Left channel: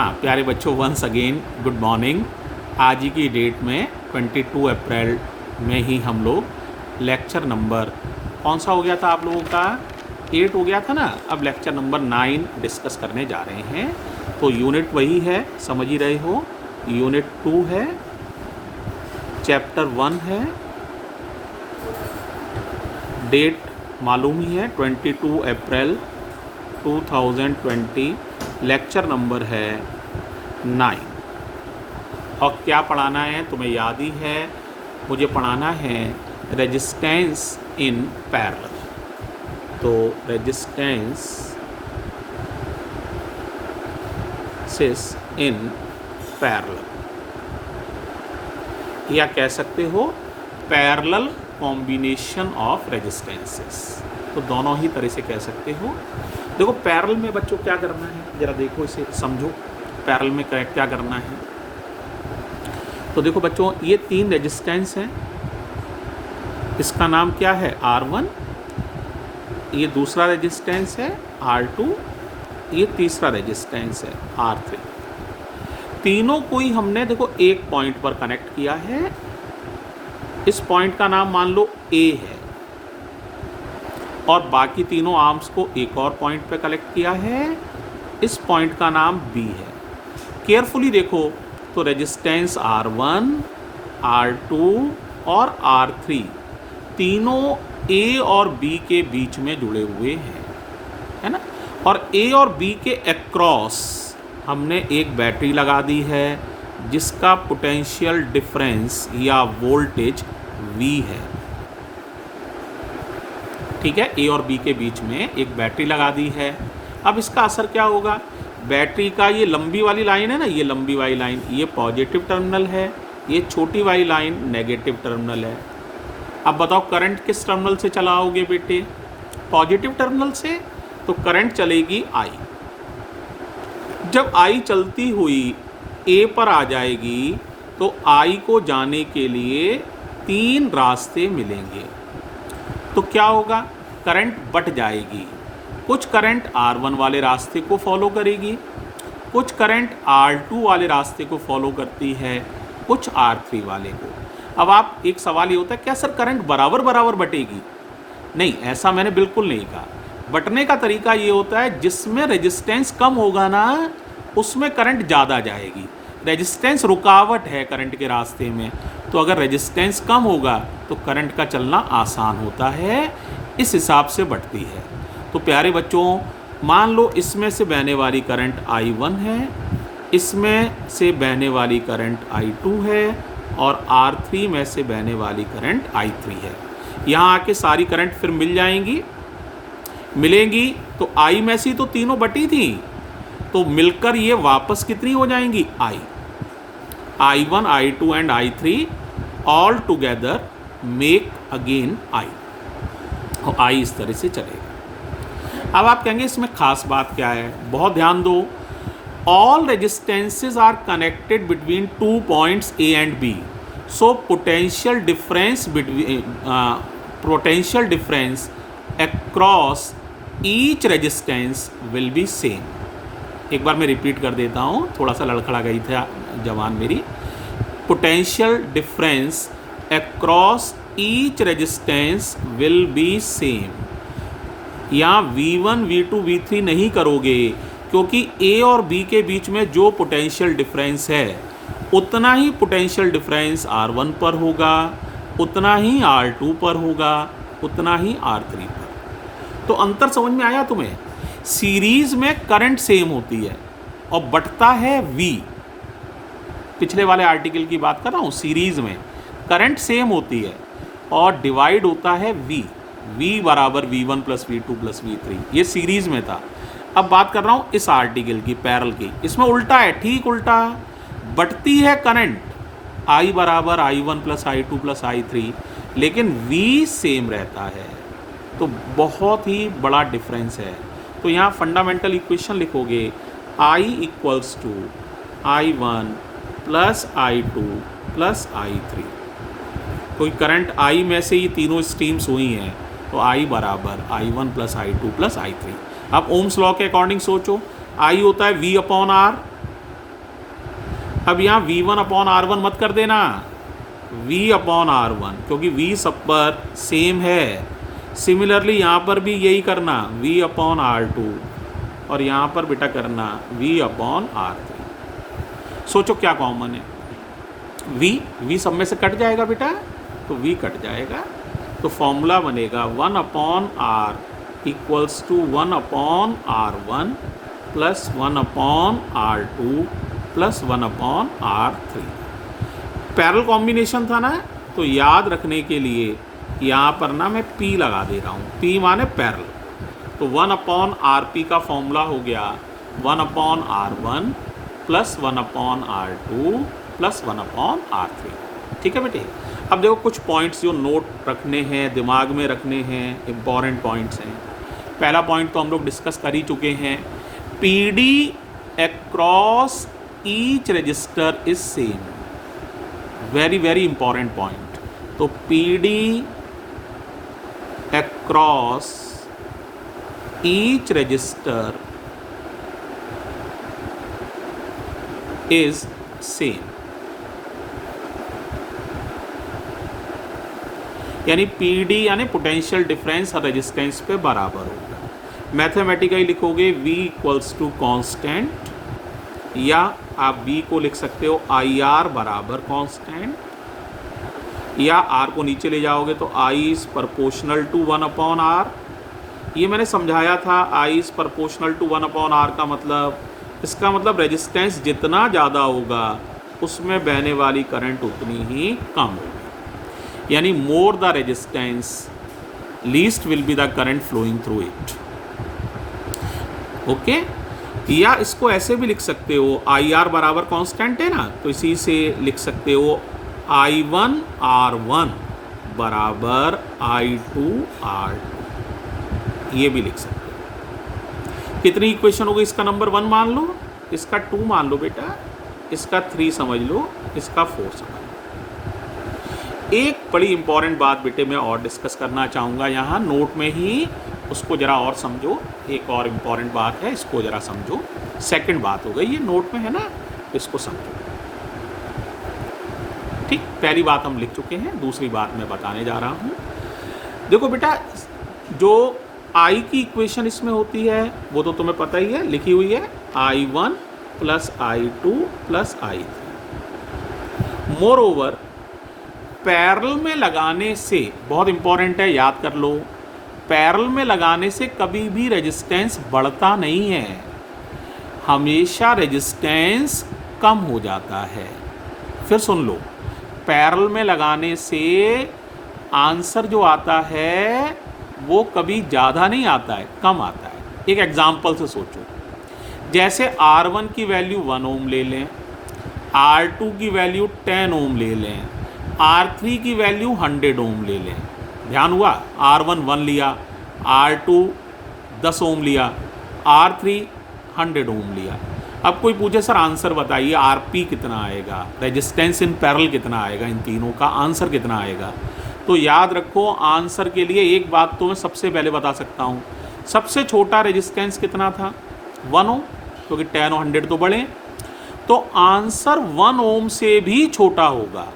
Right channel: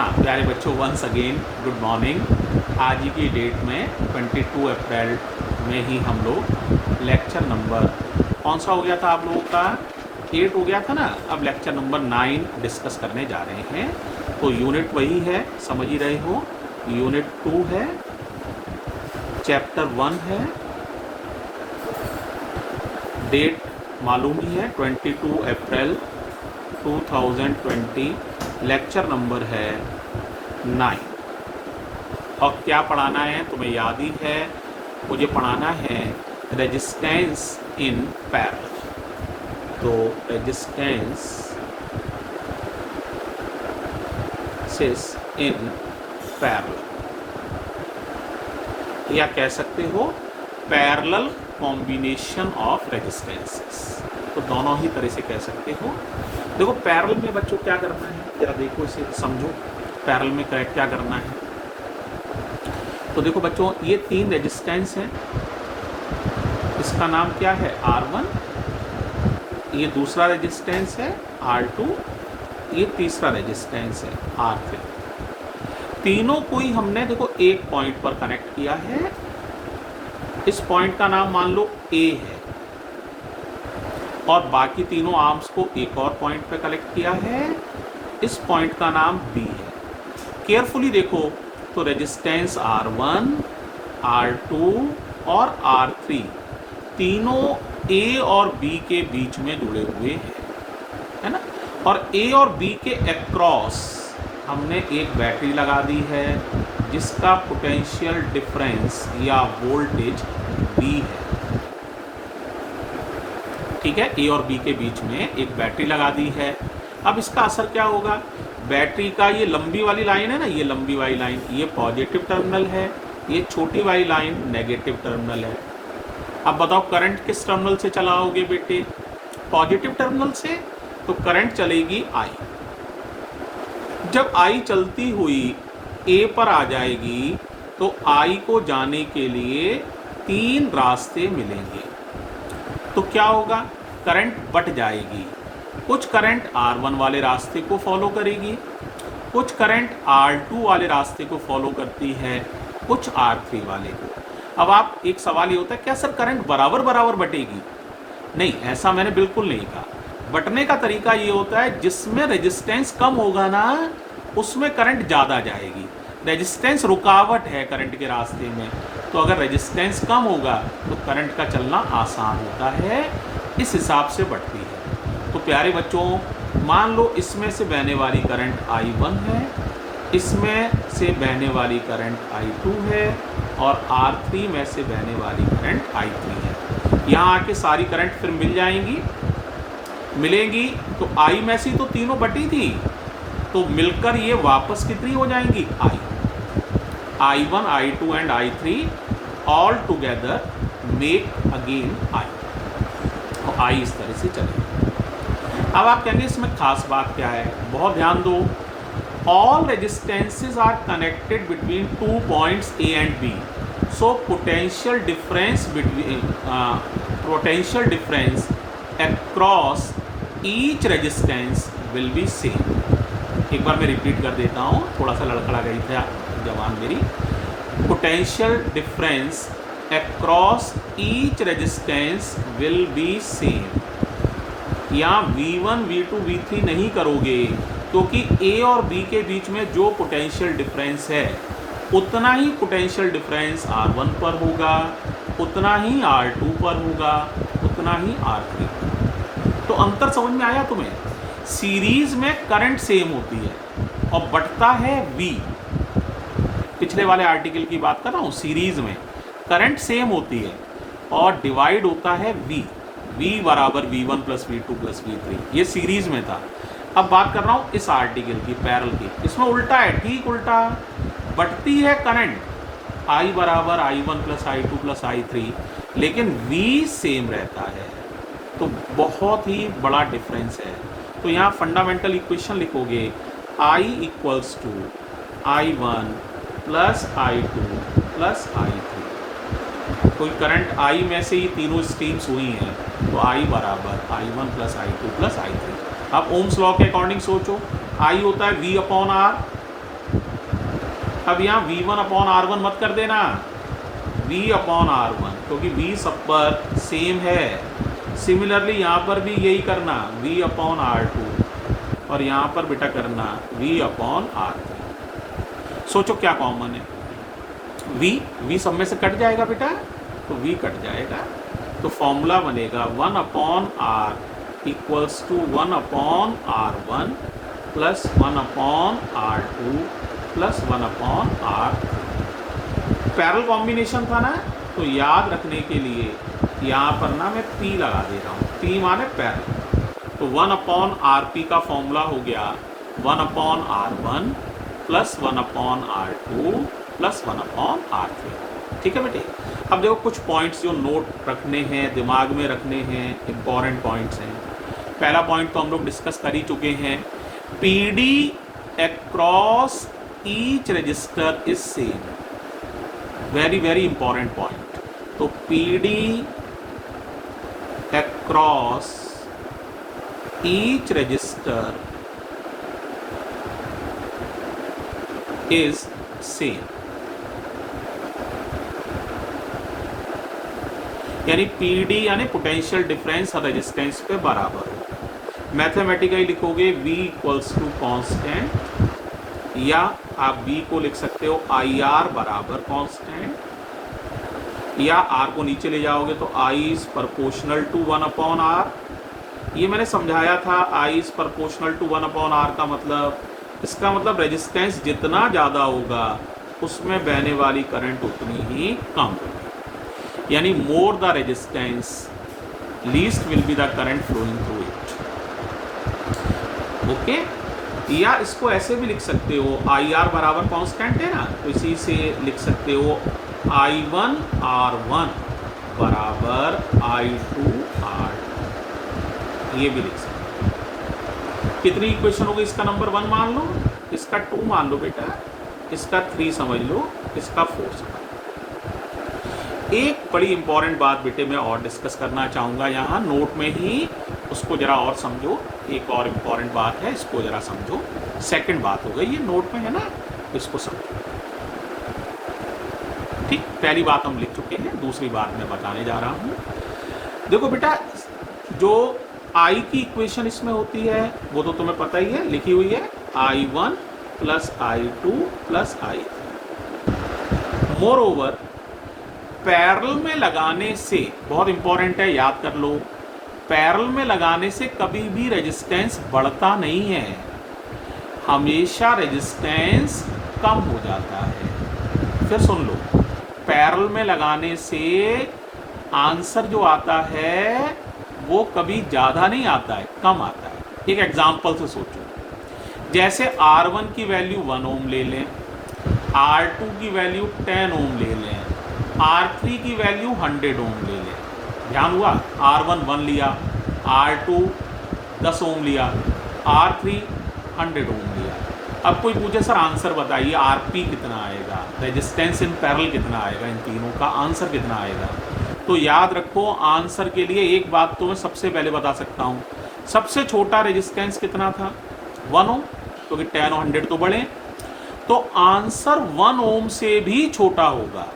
हाँ प्यारे बच्चों, वंस अगेन गुड मॉर्निंग। आज ही की डेट में 22 अप्रैल में ही हम लोग लेक्चर नंबर कौन सा हो गया था आप लोगों का? 8 हो गया था ना। अब लेक्चर नंबर 9 डिस्कस करने जा रहे हैं। तो यूनिट वही है, समझ ही रहे हो। यूनिट 2 है, चैप्टर 1 है, डेट मालूम ही है 22 अप्रैल 2020। लेक्चर नंबर है 9। और क्या पढ़ाना है तुम्हें याद ही है, मुझे पढ़ाना है रेजिस्टेंस इन पैरेलल। तो रेजिस्टेंस इन पैरेलल, या कह सकते हो पैरेलल कॉम्बिनेशन ऑफ रेजिस्टेंसेस। तो दोनों ही तरह से कह सकते हो। देखो पैरेलल में बच्चों क्या करना है, जरा देखो इसे समझो। पैरेलल में क्या करना है, तो देखो बच्चों ये 3 रेजिस्टेंस हैं। इसका नाम क्या है? R1। ये दूसरा रेजिस्टेंस है R2। ये तीसरा रेजिस्टेंस है R3। तीनों को ही हमने देखो एक पॉइंट पर कनेक्ट किया है। इस पॉइंट का नाम मान लो A है, और बाकी तीनों आर्म्स को एक और पॉइंट पे कनेक्ट किया है। इस पॉइंट का नाम B है। केयरफुली देखो तो रेजिस्टेंस R1, R2 और R3 तीनों A और B के बीच में जुड़े हुए हैं, है ना। और A और B के अक्रॉस हमने एक बैटरी लगा दी है जिसका पोटेंशियल डिफरेंस या वोल्टेज V है। ठीक है, A और B के बीच में एक बैटरी लगा दी है। अब इसका असर क्या होगा? बैटरी का ये लंबी वाली लाइन है ना, ये लंबी वाली लाइन ये पॉजिटिव टर्मिनल है, ये छोटी वाली लाइन नेगेटिव टर्मिनल है। अब बताओ करंट किस टर्मिनल से चलाओगे बेटे? पॉजिटिव टर्मिनल से। तो करंट चलेगी I। जब I चलती हुई A पर आ जाएगी तो I को जाने के लिए 3 रास्ते मिलेंगे। तो क्या होगा? करंट बट जाएगी। कुछ करंट R1 वाले रास्ते को फॉलो करेगी, कुछ करंट R2 वाले रास्ते को फॉलो करती है, कुछ R3 वाले को। अब आप एक सवाल ये होता है, क्या सर करंट बराबर बराबर बटेगी? नहीं, ऐसा मैंने बिल्कुल नहीं कहा। बटने का तरीका ये होता है जिसमें रेजिस्टेंस कम होगा ना उसमें करंट ज़्यादा जाएगी। रेजिस्टेंस रुकावट है करंट के रास्ते में, तो अगर रेजिस्टेंस कम होगा तो करंट का चलना आसान होता है, इस हिसाब से बढ़ती है। तो प्यारे बच्चों मान लो इसमें से बहने वाली करंट I1 है, इसमें से बहने वाली करंट I2 है, और R3 में से बहने वाली करंट I3 है। यहाँ आके सारी करंट फिर मिलेंगी। तो I में से तो तीनों बटी थी, तो मिलकर ये वापस कितनी हो जाएंगी? I1, I2 and I3 all together make again I। तो I इस तरह से चलेगा। अब आप कहेंगे इसमें खास बात क्या है? बहुत ध्यान दो। All resistances are connected between 2 points A and B, so potential difference across each resistance will be same. एक बार मैं रिपीट कर देता हूँ, थोड़ा सा लड़खड़ा गई था जवान मेरी। Potential difference across each resistance will be same. यहाँ V1, V2, V3 नहीं करोगे, क्योंकि A और B के बीच में जो पोटेंशियल डिफरेंस है उतना ही पोटेंशियल डिफरेंस R1 पर होगा, उतना ही R2 पर होगा, उतना ही R3 पर। तो अंतर समझ में आया तुम्हें? सीरीज में करंट सेम होती है और बढ़ता है V। पिछले वाले आर्टिकल की बात कर रहा हूँ। सीरीज में करंट सेम होती है और डिवाइड होता है V बराबर V1 plus V2 plus V3। ये सीरीज में था। अब बात कर रहा हूँ इस आर्टिकल की, पैरेलल की। इसमें उल्टा है, ठीक उल्टा। बढ़ती है करंट I बराबर I1 plus I2 plus I3, लेकिन V सेम रहता है। तो बहुत ही बड़ा डिफरेंस है। तो यहाँ फंडामेंटल इक्वेशन लिखोगे I equals to I1 plus I2 plus I3। कोई करंट I में से ही तीनों स्ट्रीम्स हुई हैं, तो I बराबर I1 plus I2 plus I3। अब ओम्स लॉ के अकॉर्डिंग सोचो, I होता है V अपॉन R, अब यहाँ V1/R1 मत कर देना, V/R1, क्योंकि V सब पर सेम है। सिमिलरली यहाँ पर भी यही करना, V/R2, और यहाँ पर बेटा करना V/R3। सोचो क्या कॉमन है, V सब में से कट जाएगा बेटा, तो V कट जाएगा, तो फॉर्मूला बनेगा 1/R equals to 1/R1 plus 1/R2 plus 1/R3। Parallel combination था ना, तो याद रखने के लिए यहाँ पर ना मैं P लगा दे रहा हूँ, P माने पैरेलल। तो 1/RP का फॉर्मूला हो गया 1/R1 plus 1/R2 plus 1/R3। ठीक है बेटे। अब देखो कुछ पॉइंट्स जो नोट रखने हैं, दिमाग में रखने हैं, इम्पॉर्टेंट पॉइंट्स हैं। पहला पॉइंट तो हम लोग डिस्कस कर ही चुके हैं, PD across each resistor is same. Very very important point. तो PD across each resistor is same, यानी PD यानी पोटेंशियल डिफरेंस हर रेजिस्टेंस पे बराबर होगा। मैथमेटिकली लिखोगे V इक्वल्स टू कॉन्स्टेंट, या आप B को लिख सकते हो IR बराबर कॉन्स्टेंट, या R को नीचे ले जाओगे तो I is proportional to 1/R। ये मैंने समझाया था, I is proportional to 1/R का मतलब, इसका मतलब रेजिस्टेंस जितना ज़्यादा होगा उसमें बहने वाली करंट उतनी ही कम होगी, यानी more the resistance least will be the current flowing through it. Okay, या इसको ऐसे भी लिख सकते हो, IR बराबर कांस्टेंट है ना, तो इसी से लिख सकते हो I1R1 बराबर I2R2, ये भी लिख सकते हो। कितनी इक्वेशन होगी, इसका नंबर 1 मान लो, इसका 2 मान लो बेटा, इसका 3 समझ लो, इसका 4 समझ लो। एक बड़ी इंपॉर्टेंट बात बेटे मैं और डिस्कस करना चाहूँगा यहाँ नोट में ही, उसको ज़रा और समझो। एक और इम्पॉर्टेंट बात है, इसको ज़रा समझो। सेकंड बात हो गई, ये नोट में है ना, तो इसको समझो। ठीक, पहली बात हम लिख चुके हैं, दूसरी बात मैं बताने जा रहा हूँ। देखो बेटा, जो I की इक्वेशन इसमें होती है वो तो तुम्हें पता ही है, लिखी हुई है I1 plus I2 plus I3। More over parallel में लगाने से, बहुत इंपॉर्टेंट है, याद कर लो, पैरेलल में लगाने से कभी भी रेजिस्टेंस बढ़ता नहीं है, हमेशा रेजिस्टेंस कम हो जाता है। फिर सुन लो, पैरेलल में लगाने से आंसर जो आता है वो कभी ज़्यादा नहीं आता है, कम आता है। एक एग्जांपल से सोचो, जैसे R1 की वैल्यू 1 ओम ले लें, R2 की वैल्यू 10 ओम ले लें, R3 की वैल्यू 100 ओम ले लें। ध्यान हुआ, R1 1 लिया, R2 10 ओम लिया, R3 100 ओम लिया। अब कोई पूछे सर आंसर बताइए, RP कितना आएगा, रेजिस्टेंस इन पैरेलल कितना आएगा, इन तीनों का आंसर कितना आएगा? तो याद रखो, आंसर के लिए एक बात तो मैं सबसे पहले बता सकता हूँ, सबसे छोटा रेजिस्टेंस कितना था, 1 ओम, क्योंकि 10 और 100 तो बड़े, तो आंसर 1 ओम से भी छोटा होगा।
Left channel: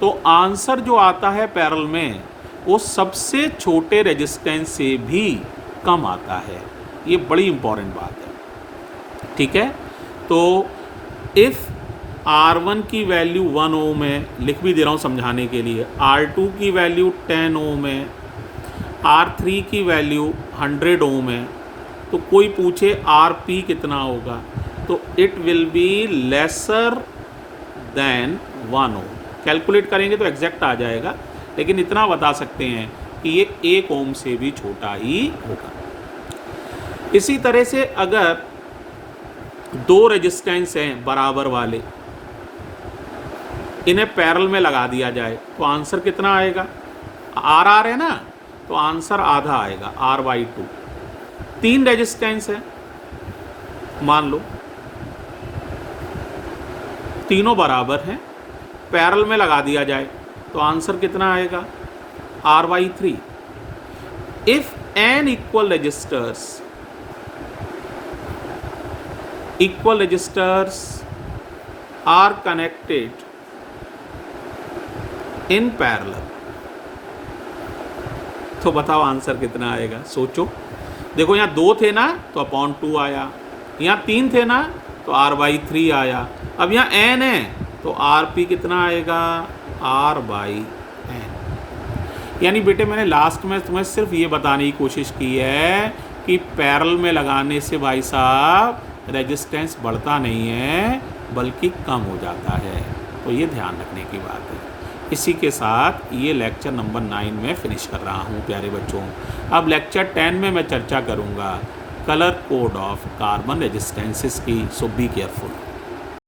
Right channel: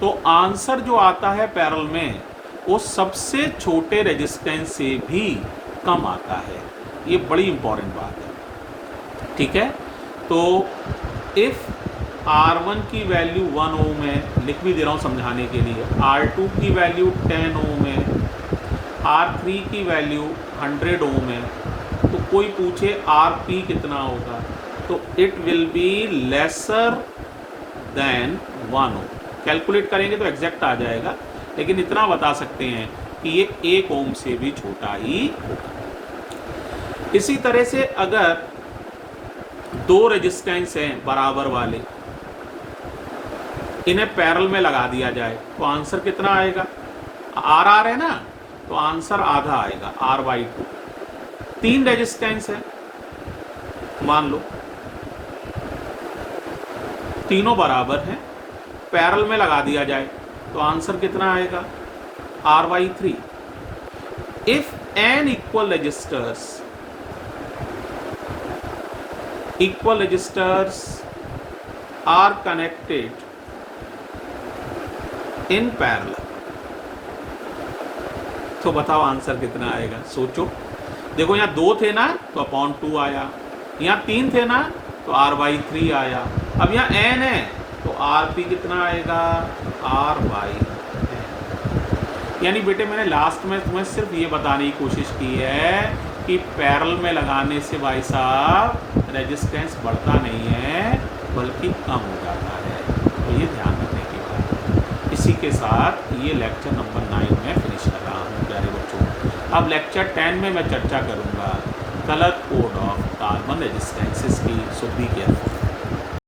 तो आंसर जो आता है पैरेलल में वो सबसे छोटे रेजिस्टेंस से भी कम आता है। ये बड़ी इंपॉर्टेंट बात है, ठीक है। तो इफ़ R1 की वैल्यू 1 ओम है, लिख भी दे रहा हूँ समझाने के लिए, R2 की वैल्यू 10 ओम है, R3 की वैल्यू 100 ओम है, तो कोई पूछे RP कितना होगा, तो it will be lesser than 1 ohm. Calculate करेंगे तो एग्जैक्ट आ जाएगा, लेकिन इतना बता सकते हैं कि ये 1 ओम से भी छोटा ही होगा। इसी तरह से अगर दो रेजिस्टेंस हैं बराबर वाले, इन्हें पैरेलल में लगा दिया जाए तो आंसर कितना आएगा, RR है ना, तो आंसर आधा आएगा, R/2। 3 रेजिस्टेंस है मान लो, तीनों बराबर हैं, पैरेलल में लगा दिया जाए तो आंसर कितना आएगा, R/3। If n equal resistors are connected in parallel, तो बताओ आंसर कितना आएगा, सोचो। देखो यहाँ 2 थे ना तो अपॉन 2 आया, यहाँ 3 थे ना तो r/3 आया, अब यहाँ n है तो rp कितना आएगा, r/n। यानी बेटे मैंने लास्ट में तुम्हें सिर्फ ये बताने की कोशिश की है कि पैरेलल में लगाने से भाई साहब रेजिस्टेंस बढ़ता नहीं है बल्कि कम हो जाता है, तो ये ध्यान रखने की बात है। इसी के साथ ये लेक्चर नंबर 9 में फिनिश कर रहा हूँ प्यारे बच्चों। अब लेक्चर 10 में मैं चर्चा करूँगा colour code of carbon resistances की, सो बी केयरफुल।